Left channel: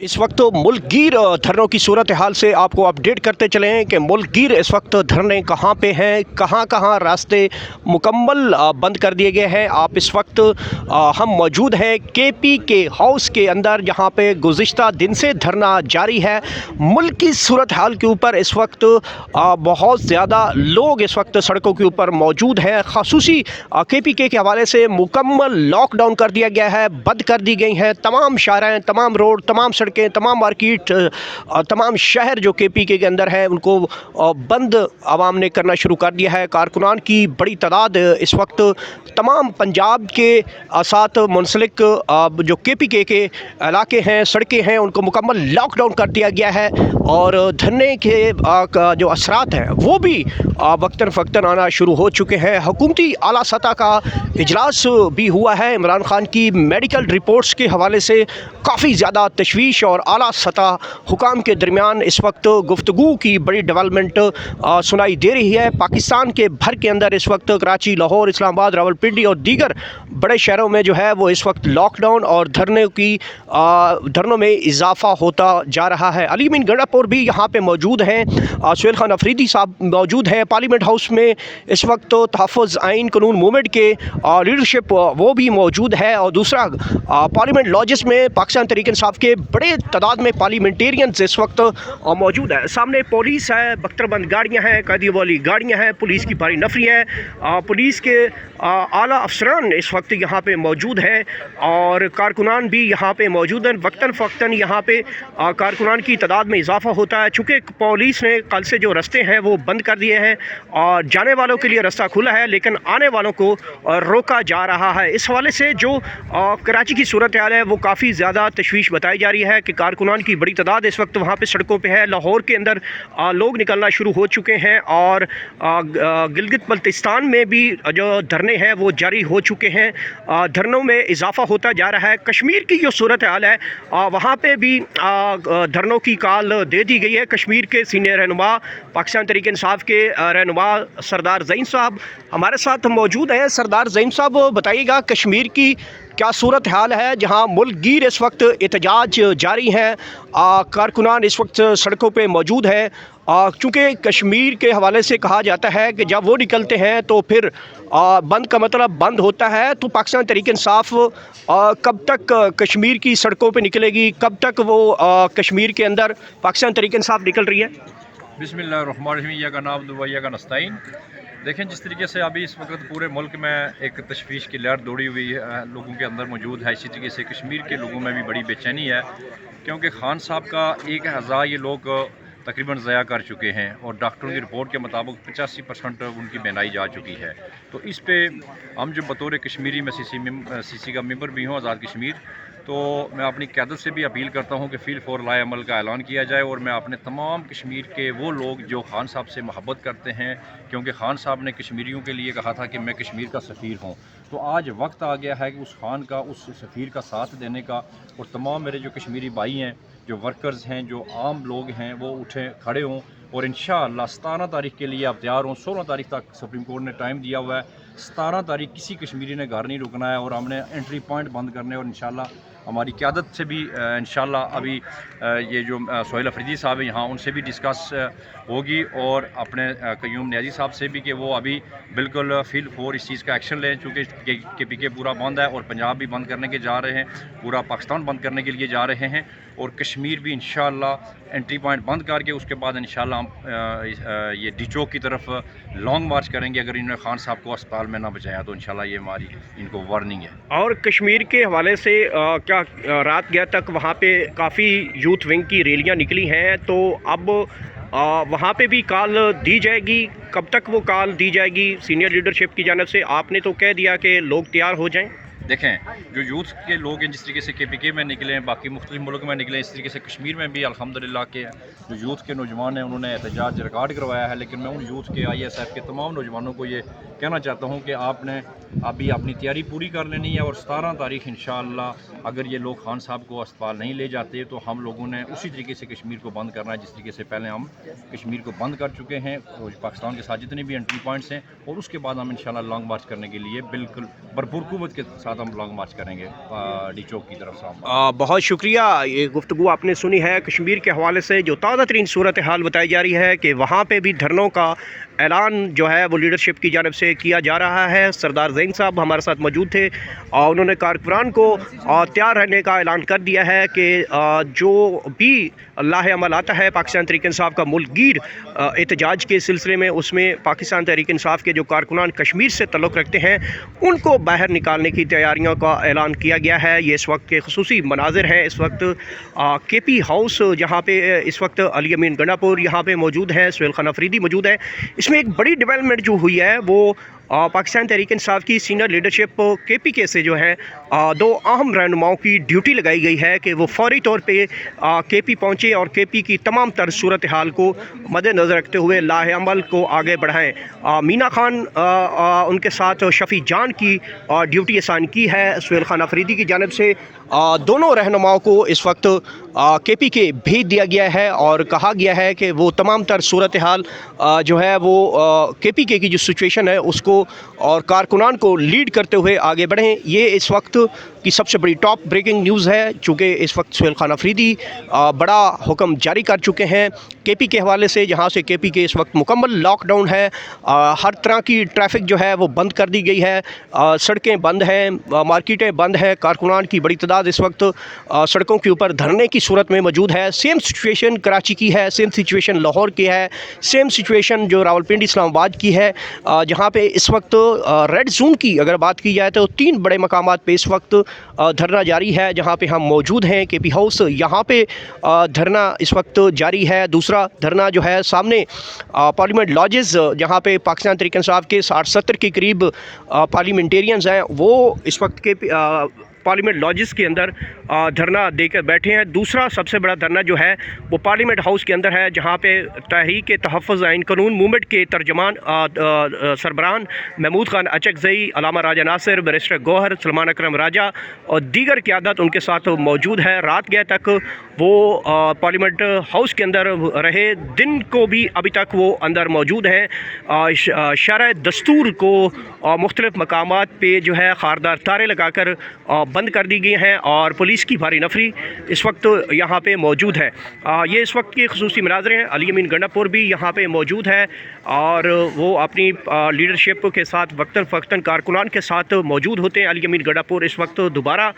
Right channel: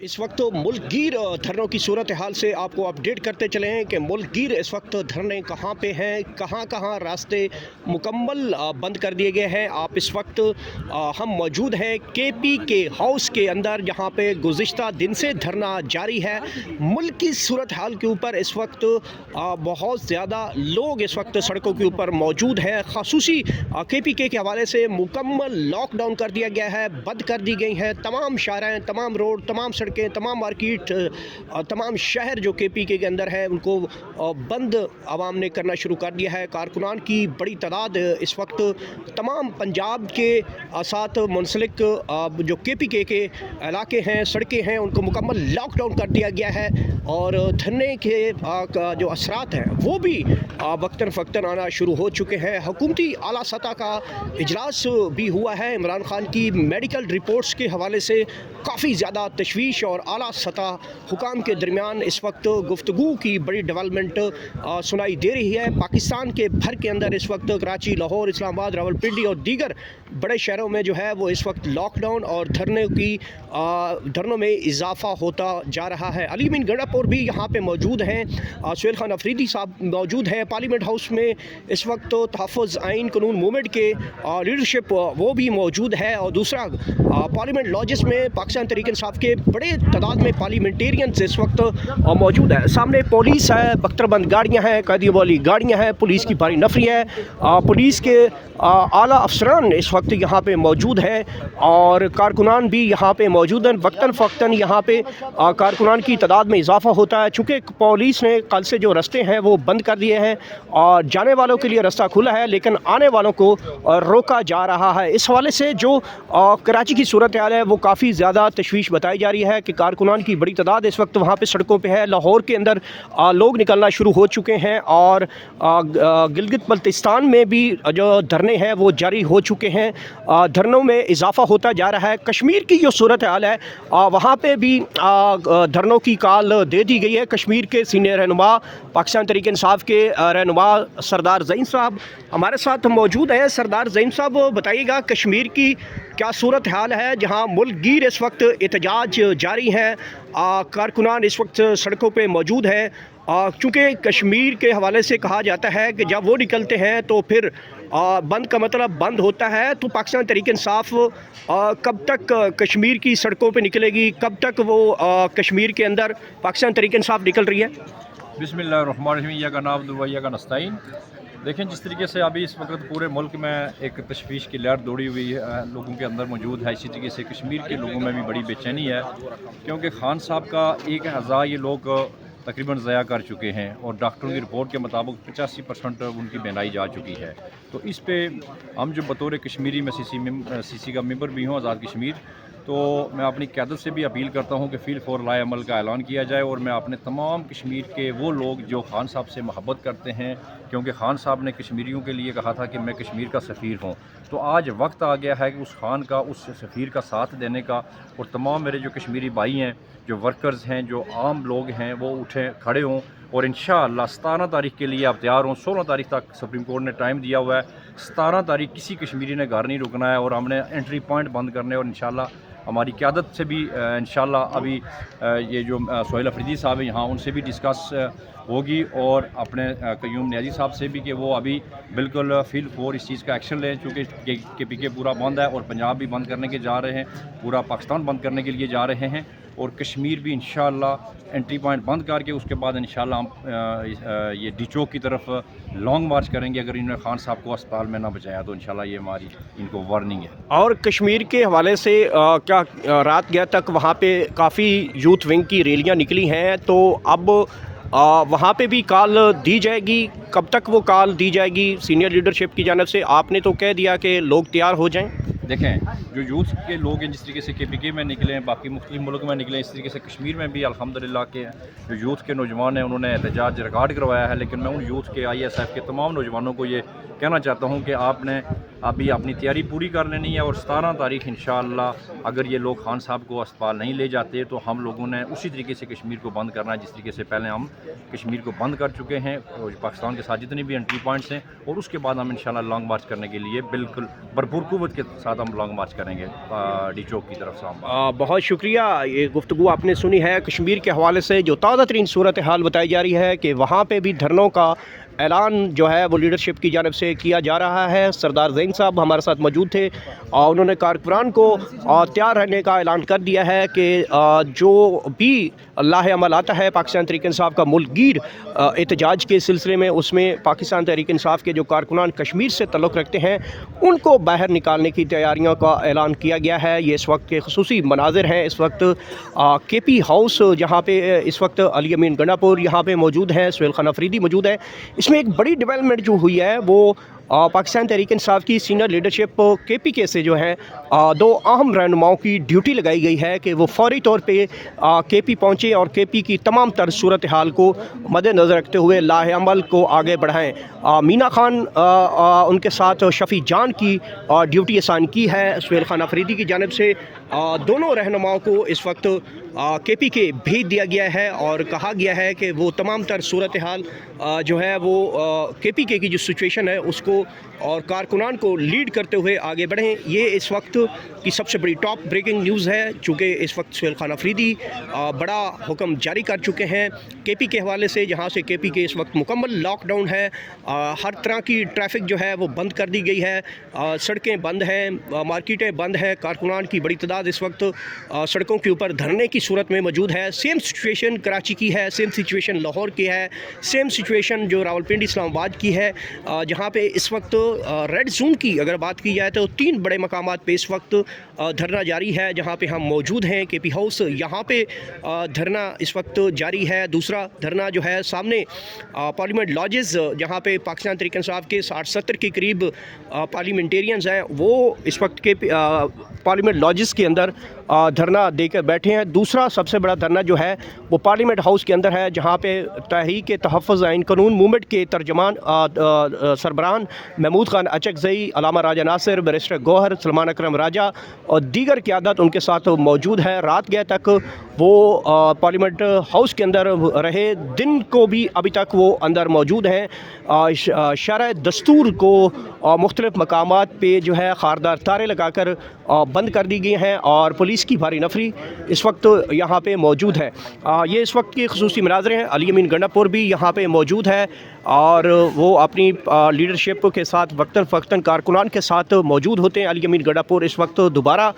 इस वक्त मुल्क गिर धरनों की सूरत हाल से आपको अपडेट करते चले हैं कि मुल्क गिर इस वक्त धरने कहाँ पे हैं, कहाँ कहाँ रास्ते मुकम्मल बंद कर दिए गए हैं। आप इस वक्त हम मौजूद हैं केपी के हाउस के अंदर, जहाँ पे गुज़िश्ता दिन से धरना जारी है। मुल्क की सूरत हाल के ऊपर इस वक्त बहुत ज़्यादा लोग इस वक्त सड़कों के ऊपर मौजूद हैं। ख़ुसूसी केपी के हवाले से मुकम्मल लॉकडाउन कर दिया गया है, बंद कर दी गई हैं तमाम शाहराएँ, तमाम रोड, तमाम सड़कें, तमाम मार्केट, तमाम शहर जो केपीके के अंदर है उनको बंद आवाम ने करना शुरू कर दिया है। कारकुनान की बड़ी तादाद इस वक्त तमाम पंजाब के साथ मुंसलिक जो केपीके के इलाके हैं, सड़कें हैं, उनको मुकम्मल लॉकडाउन कर दिया गया है। और धरने के जो असरात हैं वो भी वक्तन फ़क्तन आना शुरू हो चुके हैं। हुकूमती आला सतह का इजलास भी हुआ है। इमरान खान की मेडिकल रिपोर्ट्स के हवाले से काफ़ी ज़्यादा तशवीश और आला सतह हुकाम के दरमियान इस वक्त गुफ्तगू की बड़ी डेवलपमेंट सुनाई दे रही है। पाकिस्तान के भर के अंदर इस वक्त कराची, लाहौर, इस्लामाबाद, रावलपिंडी और दीगर बड़े शहरों में जो है वो इस वक्त लॉकडाउन और धरनों में इजाफा होता जा रहा है। अली मीन गंडापुर भी यहाँ पे मौजूद हैं। सुहेल खान अफरीदी साहब मौजूद हैं पार्लियामेंट हाउस में। इस वक्त तो तहफ़्फ़ुज़ आइन कानून मूवमेंट के लीडरशिप वो भी मौजूद है। और दूसरा पार्लियामेंट लॉजेस में पाकिस्तान तहरीक इंसाफ के बड़े तादाद में पार्लियामेंटेरियंस इस वक्त मौजूद है। सामने पुलिस है, बख्तरबंद गाड़ियाँ हैं, कैदी वाली गाड़ियाँ हैं, पुलिस की भारी नफरी है। पुलिस के आला अफसरान इस वक्त यहाँ पे मौजूद हैं और कारकुनान भी यहाँ पे मौजूद हैं। वक्तन फ़क्तन यहाँ पे कारकुनान की तादाद में इजाफा होता है। चूँकि पुलिस ने कल से जो रास्ते हैं वो बंद कर दिए हैं और जाने वालों के लिए रास्ता खुला है, लेकिन आने वालों को रोका जा रहा है। इस हवाले से जो कराची की सूरत हाल है वो काफ़ी ज़्यादा तशवीश बताई जा रही है कि कारकुनान की बड़ी तादाद इस वक्त वहाँ पे सड़कों पे है। लाहौर के अंदर लोग निकलना शुरू हो चुके हैं और गिलगित बल्तिस्तान में भी जो धरने हैं वो जारी हो चुके हैं। धरनों में इजाफा होता जा रहा है। कश्मीर की जो सूरत हाल है वहाँ पे भी धरनों की कॉल दे दी गई है। कश्मीर के सीनियर रहनुमा, पाकिस्तान तहरीक इंसाफ के रहनुमा सरदार ज़ईन साहब हमारे साथ मौजूद हैं। सरदार ज़ईन साहब, बताइएगा कश्मीर की क्या सूरत हाल है, जहां मुल्क गिर इस वक्त एहतजाज जारी है, कारकुनान इस वक्त सड़कों पे मौजूद है। चूँकि कश्मीर के हवाले से कहा जाता है कि जब वो निकलते हैं तो फिर बंद का मतलब बंद होता है। तो पाकिस्तान तहरीक इंसाफ कब तक कश्मीर की सड़कों पे निकलेगी, कब तक वो कश्मीर के अंदर पाकिस्तान तहरीक इंसाफ निकल रही है? बिस्मिल्लाहिर्रहमानिर्रहीम, या नाम दुवैया का नस्ताइन। देखें, जिस तरीके से अभी इस वक्त पूरे मुल्क में एक तशवीश की लहर दौड़ी हुई है, लोगों के अंदर मौजूद है, इसी तरीके से कश्मीर के लोगों में भी बड़ी बेचैनी है, क्योंकि खान साहब का 1,000 ये लोग तकरीबन ज़या कर चुके हैं और डॉक्टरों की रिपोर्ट के मुताबिक 85% उनकी बीमारी जा चुकी है। तो इस पे हम जो बतौर कश्मीरी में सीसी का मेंबर भी हूँ, आज़ाद कश्मीर, तो मैं अपनी क़यादत से भी अपील करता हूँ कि फ़ील फॉर लाए अमल का ऐलान किया जाए। और मैं अपने तमाम कश्मीर के वो लोग जो खान साहब से मोहब्बत करते हैं, क्योंकि खान साहब ने कश्मीरियों के लिए कहा था कि मैं कश्मीर का सफ़ीर हूँ, तो आज वक्त आ गया है कि उस खान का, उस सफ़ीर का साथ देने का। और तमाम मेरे जो कश्मीरी भाई हैं, जो वर्कर्स हैं, जो आम लोग हैं, वो उठें, खड़े हों और इंशाअल्लाह 17 तारीख के लिए आप तैयार हों। 16 तारीख तक सुप्रीम कोर्ट ने टाइम दिया हुआ है। 17 तारीख किसी कश्मीरी ने घर नहीं रुकना है और हमने एंट्री पॉइंट बंद करने, और इंशाअल्लाह हमारी क़यादत से भी इंशाअल्लाह अभी ये जो सुहेल अफरीदी साहब हैं यहाँ, उनसे भी डिस्कस होगी और अपने क़य्यूम नियाज़ी साहब से भी, कि वो अभी बिल्कुल फ़ील फॉर इस चीज़ का एक्शन लें। चूँकि केपीके पूरा बंद है और पंजाब भी बंद करने के जा रहे हैं, पूरा पाकिस्तान बंद करने के लिए जा रहे हैं, और कश्मीर भी इंशाअल्लाह एंट्री पॉइंट बंद करके उसके बाद इंशाअल्लाह हम ये डी चौक की तरफ लॉन्ग मार्च करेंगे। अगर इन्होंने खान साहब को अस्पताल में ना बचाया तो इंशाअल्लाह ये हमारी इनको वार्निंग है। और कश्मीर के हवाले से क्या रात गया तक वहाँ पे काफ़ी यूथ विंग की रैलियाँ निकली हैं, तो अब वहाँ पे भी कॉल दी जाएगी? कब तक वो कॉल दी जाएगी सीनियर लीडरशिप की जानिब से? आपने तो कह दिया कि लोग तैयार हो जाएं। देखें, जो यूथ के लोग हैं, जिस तरीके से केपीके में निकले हैं, बाकी मुख्तलिफ मुल्क में निकले, इस तरीके से कश्मीर में भी अल्हम्दुलिल्लाह के जो यूथ के नौजवान हैं उन्होंने एहतजाज रिकॉर्ड करवाया है। लेकिन मैं उन यूथ के, ISF के तमाम नौजवानों को ये कहना चाहता हूँ कि आपने अभी अपनी तैयारी पूरी कर लेनी है और 17 तारीख इंशाअल्लाह अगर ये लोग खान साहब को अस्पताल नहीं ले जाते तो हम लोगों ने उसी तरीके से कश्मीर को बंद करना है, जिस तरीके से पहले हम कश्मीर को बंद कर चुके हैं और पाकिस्तान के साथ जितने भी एंट्री पॉइंट्स हैं, और उसके बाद हम इंशाअल्लाह लॉन्ग मार्च करने के लिए बिल्कुल भरपूर क़ुव्वत के साथ साथ हम लॉन्ग मार्च करेंगे डी चौक की तरफ इस्लामाबाद। बहुत शुक्रिया। ये गुफ्तगू आपने सुनी है कश्मीर के हवाले से जो ताज़ा तरीन सूरत हाल बताई जा रही है कि वहाँ पे भी धरनों का ऐलान जो है वो लीडरशिप की जानिब से किया जा रहा है। सरदार ज़ैन साहब हमारे साथ मौजूद थे और उन्होंने कारकुनान को तैयार रहने का ऐलान कर दिया है कि जो भी अल्लाह अमल आता है पाकिस्तान तहरीक इंसाफ का मुल्कगीर एहतजाज के सिलसिले में, उसमें पाकिस्तान तहरीक इंसाफ के जो कारकुनान कश्मीर से तल्लुक़ रखते हैं उनको बाहर निकालने की तैयारियों का ऐलान किया गया है। ये इस वक्त के खुसूसी मनाजिर हैं। इस वक्त KP हाउस जहाँ पे इस वक्त अली अमीन गंडापुर यहाँ पे मौजूद हैं, सुहेल खान अफरीदी मौजूद है। इसमें एक बड़ी डेवलपमेंट जो हुई है वो पाकिस्तान तहरीक इंसाफ की सीनियर लीडरशिप KPK से जो है दो अहम रहनुमाओं की ड्यूटी लगाई गई है कि वो फौरी तौर पे KP पहुँचे और KP की तमाम तर सूरत हाल को मद्देनज़र रखते हुए लाहे अमल को आगे बढ़ाएं। मीना खान उनके साथ शफ़ी जान की ड्यूटी असान की है सुहेल खान अफरीदी की जानिब से। दोनों रहनुमाओं को इस वक्त KPK भेज दिया गया है और कहा गया है कि वो तमाम तर सूरत हाल जो है वो KPK की जो सिचुएशन है उसको और कारकुनान को लीड करते हुए आगे बढ़ें। ये इस वक्त की सबसे बड़ी टॉप ब्रेकिंग न्यूज़ है, चूँकि इस वक्त सुहेल खान अफरीदी बड़ा हुक्म जारी कर चुके हैं KP के हवाले से, जहाँ से KP के इस वक्त मुकम्मल लॉकडाउन है। हर तरह की ट्रैफिक जो है वो बंद कर दी गई है, सड़कें बंद हैं, मार्केटें बंद हैं। कारकुनान की बड़ी तादाद इस वक्त सड़कों के ऊपर धरने की सूरत में मौजूद है। सेम सिचुएशन कराची की है, सेम सिचुएशन लाहौर की है, सेम सिचुएशन जो रावलपिंडी इस्लामाबाद की है, जहाँ पे इस वक्त रेड जोन की अगर बात की जाए तो 3 बड़े मकामात पे इस वक्त धरना जारी है, जहाँ पे हम मौजूद हैं। KP हाउस यहाँ पे धरना इस वक्त जारी है। दूसरा धरना जो है सामने पार्लियामेंट लॉजेस, जहाँ पे पाकिस्तान तहरीक इंसाफ के 60-70 के करीब पार्लियामेंटेरियंस हैं, वो इस वक्त के पार्लियामेंट लॉजेस के अंदर धरना देकर बैठे हैं। दूसरा सबसे बड़ा धरना जो है वो पार्लियामेंट हाउस के अंदर है, जहाँ पे तहरीक तहफ़्फ़ुज़ आइन कानून मूवमेंट के तर्जमान सरबराहान महमूद खान अचकज़ई, अलामा राजा नासिर, बैरिस्टर गौहर, सलमान अकरम राजा और दीगर क़यादत उनके साथ मौजूद है। रात गए तक वो पार्लियामेंट हाउस के अंदर रहे, दिन को भी अभी तक वो अंदर मौजूद हैं। शरह दस्तूर को मुख्तलिफ़ मकामात पे जो है ख़ारदार तारे लगाकर बंद कर दी गई हैं और पुलिस की भारी नफरी इस वक्त यहाँ पे मौजूद है। ये इस वक्त के खुसूसी मनाज़रे हैं। अली अमीन गंडापुर भी यहाँ पे मौजूद है और वो अपनी लीडरशिप के साथ वक्तन फ़क्तन कारकुनान के साथ मौजूद होते हैं। अली अमीन गंडापुर इस वक्त दोबारा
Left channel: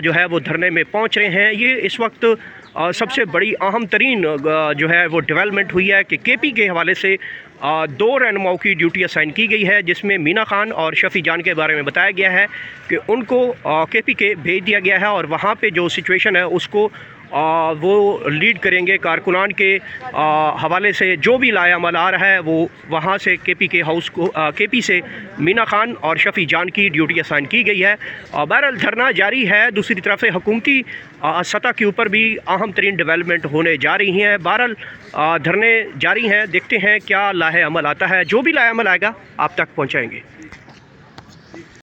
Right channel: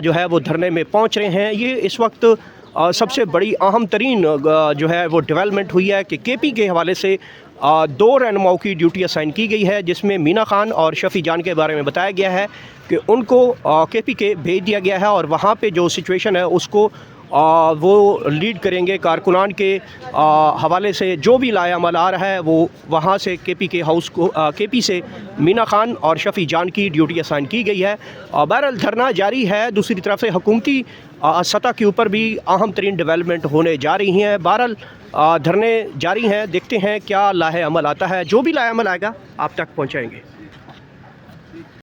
जो है वो धरने में पहुँच रहे हैं। ये इस वक्त सबसे बड़ी अहम तरीन जो है वो डेवलपमेंट हुई है कि KP के हवाले से 2 रहनुमाओं की ड्यूटी असाइन की गई है, जिसमें मीना खान और शफ़ी जान के बारे में बताया गया है कि उनको KPK भेज दिया गया है और वहाँ पे जो सिचुएशन है उसको वो लीड करेंगे। कारकुनान के हवाले से जो भी लाया अमल आ रहा है वो वहाँ से KPK हाउस को KP से मीना खान और शफ़ी जान की ड्यूटी असाइन की गई है। बहरहाल धरना जारी है। दूसरी तरफ से हुकूमती सतह के ऊपर भी अहम तरीन डेवलपमेंट होने जा रही हैं। बहरहाल धरने जारी हैं, देखते हैं क्या लाहे अमल आता है। जो भी लाहे अमल आएगा आप तक पहुँचाएँगे।